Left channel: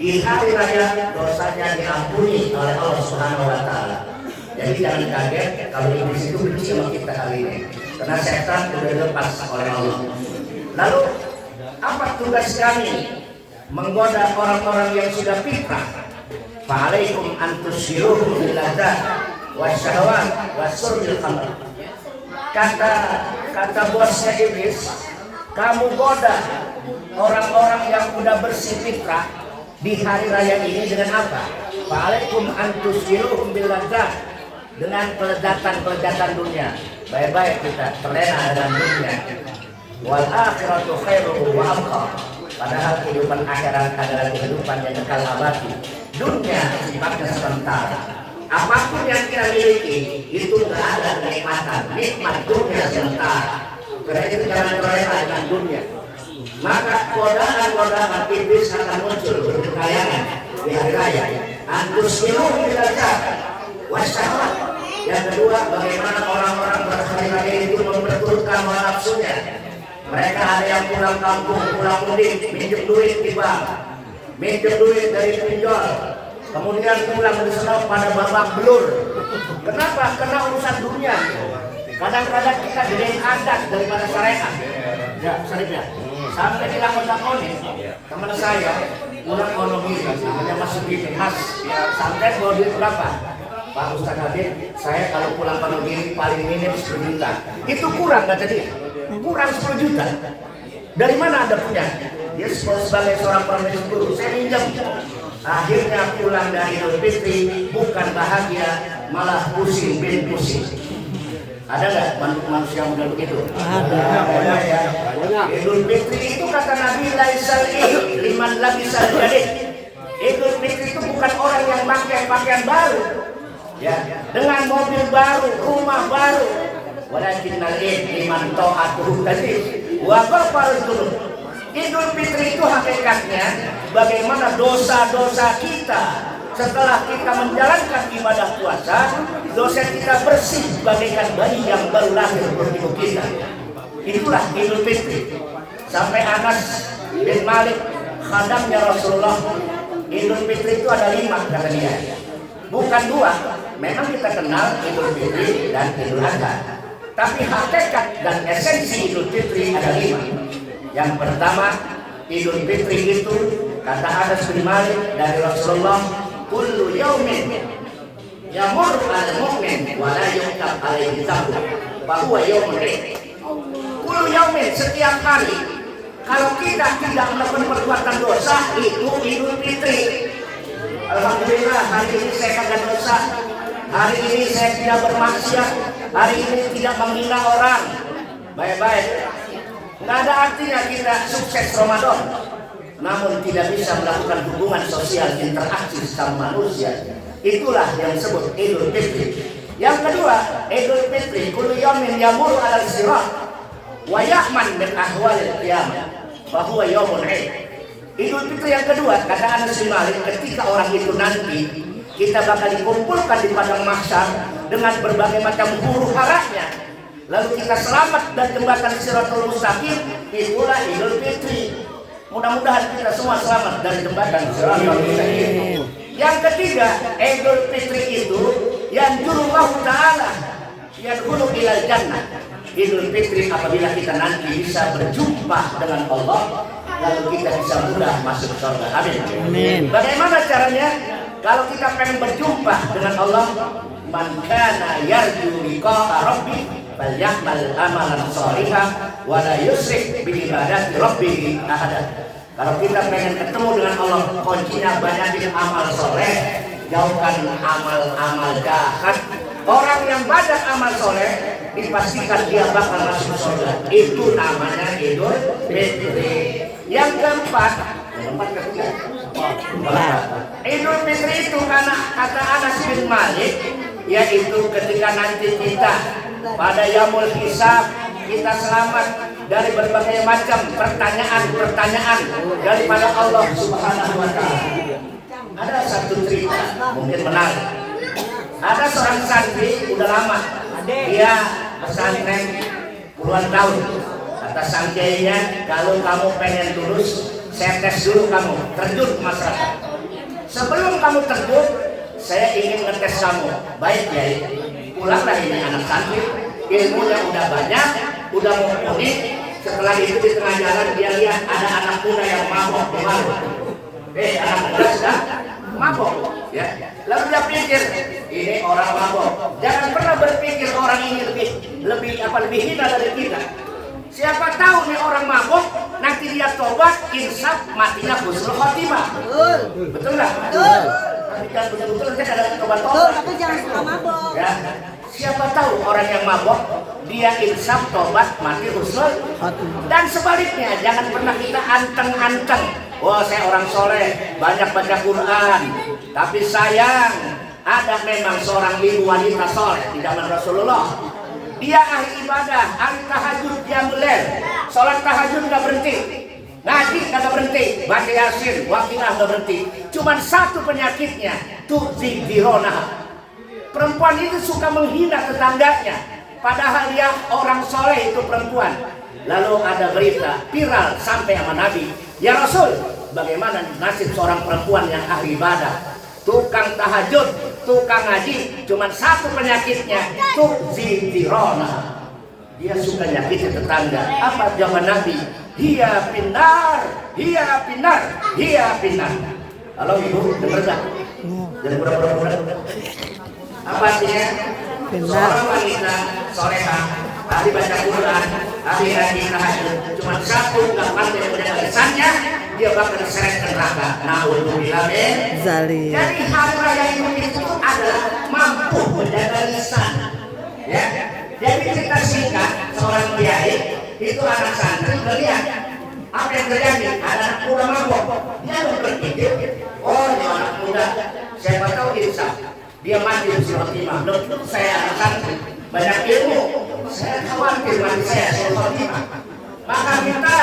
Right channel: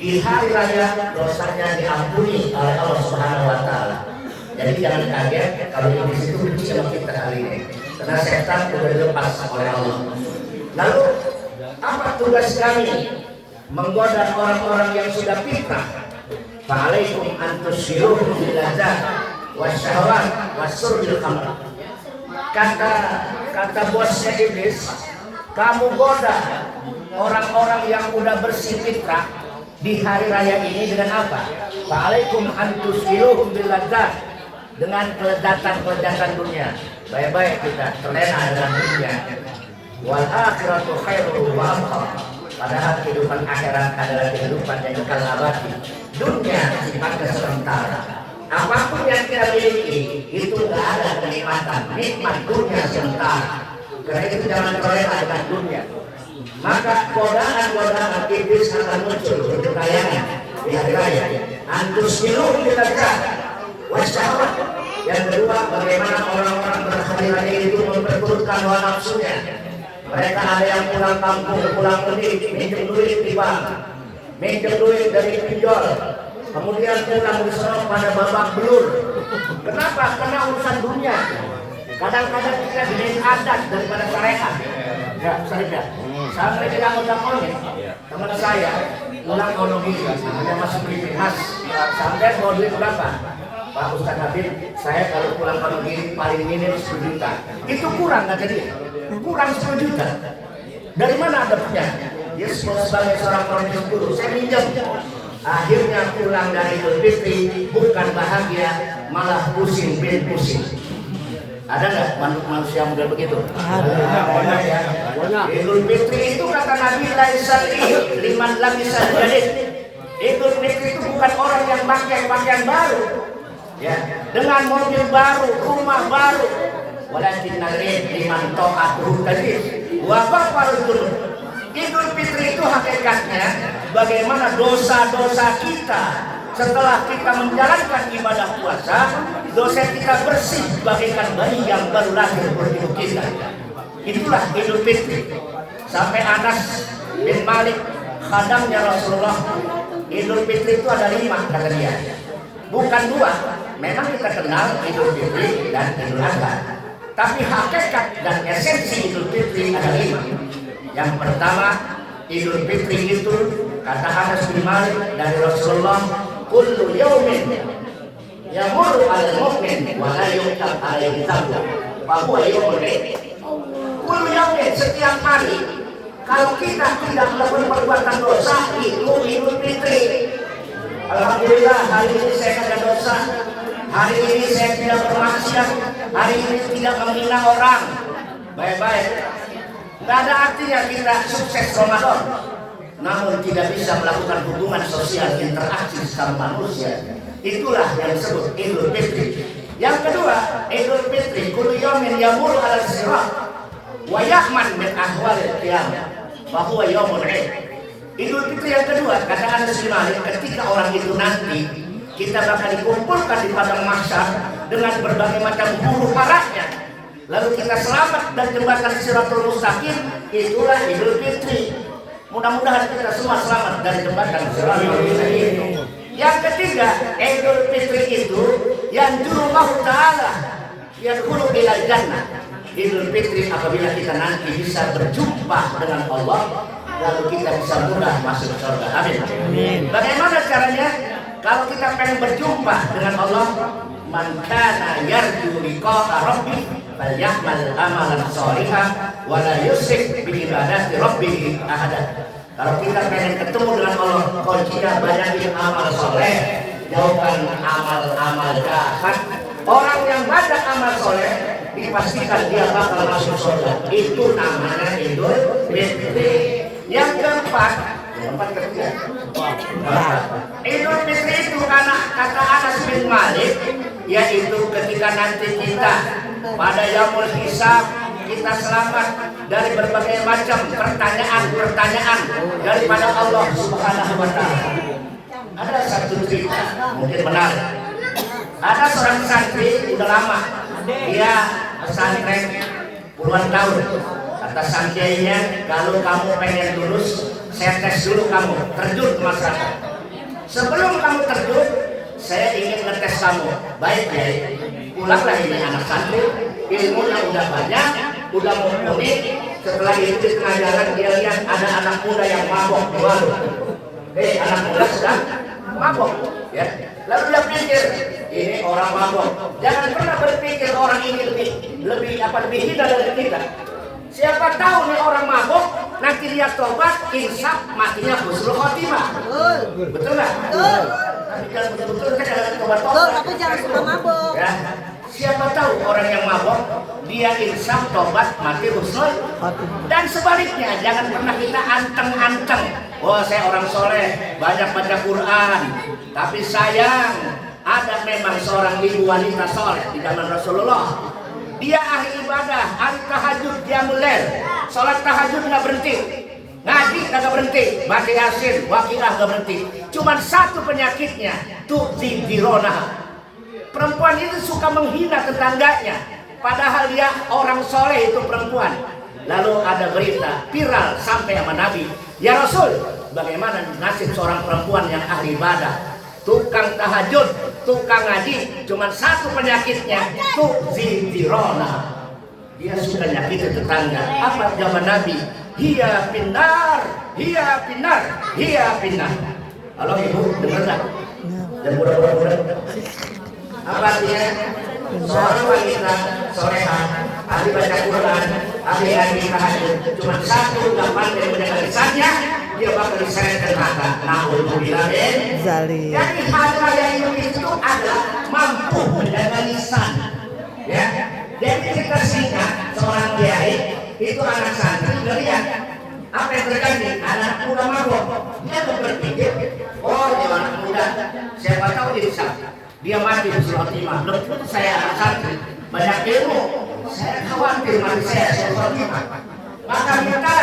di hari raya dosanya diampuni oleh Allah Subhanahu wa taala. Jadi jangan kaget kalau iblis itu benci sama kita hari ini, karena setan sudah dilepas oleh Allah. Lalu apa tugas kami menggoda orang-orang yang sudah fitrah? Fa'alaikum antusyuruhum bil ladzat wasyahawat wasurbil khamr. Kata bosnya iblis, kamu goda orang-orang yang udah bersih fitrah di hari raya ini dengan apa? Fa'alaikum antusyuruhum bil ladzat, dengan kelezatan dunia. Baik-baik kita terlena dengan dunia. Wal akhiratu khairu wa abqa. Padahal kehidupan akhirat adalah kehidupan yang kekal abadi. Dunia sifatnya sementara. Apapun yang kita miliki itu tidak ada kenikmatan. Nikmat dunia sementara. Karena itu jangan terlena dengan dunia. Maka godaan iblis akan muncul berkekayangan di hari raya. Antusyuruhum bil ladzat wasyahawat. Yang kedua, bagaimana orang-orang berhari-hari itu memperturutkan hawa nafsunya. Mereka ada yang pulang kampung, pulang mudik, minjem duit di bank, minjem duit dari pinjol, kemudian pulang diserap pada babak belur. Kenapa? Karena urusan dunia. Kadang-kadang kita jadi adat daripada syariat. Ya, syariat. Sampai bilang orang teman saya pulang ekonomi, hanya masuk di Mas, sampai bawa duit berapa? Pak Ustaz Habib, saya kalau pulang kampung diri paling minim 10 juta. Itu kurang kata dia. Kurang 10 juta. Dari mana ada punya? Dia sebagai seorang profesor guru, saya minjem. Akhirnya pulang dari Idul Fitri bukan bahagia, malah pusing bin pusing. Ada nggak manusia muda begitu? Ada ya. Idul Fitri itu kata Nabi laisal liman labisal jadid. Idul Fitri itu bukan orang yang pakai pakaian baru. Ya, dengan mobil baru, rumah baru. Walakin nalid liman ta'atuhu tadi wa ghafarul. Idul Fitri itu hakikatnya bagaimana dosa-dosa kita setelah kita menjalankan ibadah puasa, dosa kita bersih bagaikan bayi yang baru lahir bertubuh kita. Itulah Idul Fitri. Sampai Anas bin Malik, khadamnya Rasulullah, Idul Fitri itu ada 5 kata dia. Bukan 2. Memang kita kenal Idul Fitri dan Idul Adha, tapi hakikat dan esensi Idul Fitri ada 5. Yang pertama, Idul Fitri itu kata Anas bin Malik dari Rasulullah, kullu yaumin yamurru 'alal mu'min wa la yuqtab 'alaihi dhanbu fa huwa yaumun 'id. Kullu yaumin, setiap hari kalau kita tidak melakukan perbuatan dosa, itu Idul Fitri. Alhamdulillah hari ini saya kagak dosa. Hari ini saya tidak bermaksiat. Hari ini tidak menghina orang. Baik-baik. Nggak ada artinya kita sukses Ramadan, namun tidak bisa melakukan hubungan sosial interaksi sama manusia. Itulah yang disebut Idul Fitri. Yang kedua, Idul Fitri kullu yaumin yamur 'alal sirat wa ya'man min ahwalil qiyamah wa huwa yaumun 'id. Idul Fitri yang kedua kata Anas bin Malik, ketika orang itu nanti kita bakal dikumpulkan di padang mahsyar dengan berbagai macam huru haranya. Lalu kita selamat dan jembatan Siratul Mustaqim, itulah Idul Fitri. Mudah-mudahan kita semua selamat dari jembatan Siratul Mustaqim. Yang ketiga, Idul Fitri itu yang jurullahu ta'ala yadkhulu ilal jannah. Idul Fitri apabila kita nanti bisa berjumpa dengan Allah, lalu kita bisa mudah masuk surga. Amin. Bagaimana caranya? Kalau kita pengen berjumpa dengan Allah, man kana yarju liqa'a rabbih falyamal amalan shalihan wa la yusyrik bi ibadati rabbih ahada. Kalau kita pengen ketemu dengan Allah, kuncinya banyakin amal soleh, jauhkan amal-amal jahat. Orang yang banyak amal soleh dipastikan dia bakal masuk surga. Itu namanya Idul Fitri. Yang keempat, Idul Fitri itu karena kata Anas bin Malik, yaitu ketika nanti kita pada yaumul hisab, kita selamat dari berbagai macam pertanyaan daripada Allah Subhanahu wa taala. Ada satu cerita mungkin benar. Ada seorang santri udah lama, dia pesantren puluhan tahun. Kata santrinya, kalau kamu pengen lulus, saya tes dulu kamu, terjun ke masyarakat. Sebelum kamu terjun, saya ingin ngetes kamu. Baik ya, pulanglah ini anak santri, ilmunya udah banyak, udah mumpuni. Setelah itu di tengah jalan dia lihat ada anak muda yang mabok di warung. Anak muda sedang mabok, ya. Lalu dia pikir, ini orang mabok. Jangan pernah berpikir orang ini lebih hina dari kita. Siapa tahu nih orang mabok, nanti dia tobat, insaf, matinya husnul khotimah. Betul nggak? Betul. Tapi kan betul-betul kan ada tobat. Betul, tapi jangan suka mabok. Ya. Siapa tahu orang yang mabok, dia insaf, tobat, mati husnul. Dan sebaliknya, jangan pernah kita anteng-anteng. Oh, saya orang soleh, banyak baca Quran. Tapi sayang, ada memang seorang ibu wanita soleh di zaman Rasulullah. Dia ahli ibadah, ahli tahajud, dia mulai sholat tahajud nggak berhenti, ngaji nggak berhenti, baca yasin, waqiah nggak berhenti. Cuman satu penyakitnya, tu'zi dirona. Perempuan itu suka menghina tetangganya, padahal dia orang soleh itu perempuan. Lalu ada berita viral sampai sama Nabi, ya Rasul, bagaimana nasib seorang perempuan yang ahli ibadah, tukang tahajud, tukang ngaji, cuman satu penyakitnya, tu'zidirona. Dia suka nyakiti tetangga. Apa jawaban Nabi? Hiya pinar, hiya pinar, hiya pinar. Halo ibu, dengar nggak? Jangan pura-pura. Apa artinya? Seorang wanita solehah, ahli baca Quran, ahli ngaji tahajud, cuma satu nggak pandai menjaga lisannya, dia bakal diseret ke neraka. Na'udzubillah min dzalik. Jadi hari raya itu adalah mampu menjaga lisan. Ya. Jadi kita singkat seorang kiai itu anak santri melihat apa yang terjadi, ada anak muda mabok. Dia berpikir, oh dia anak muda, siapa tahu insaf. Dia mati husnul khotimah. Belum tentu saya anak santri, banyak ilmu. Saya khawatir mati saya husnul khotimah. Maka minta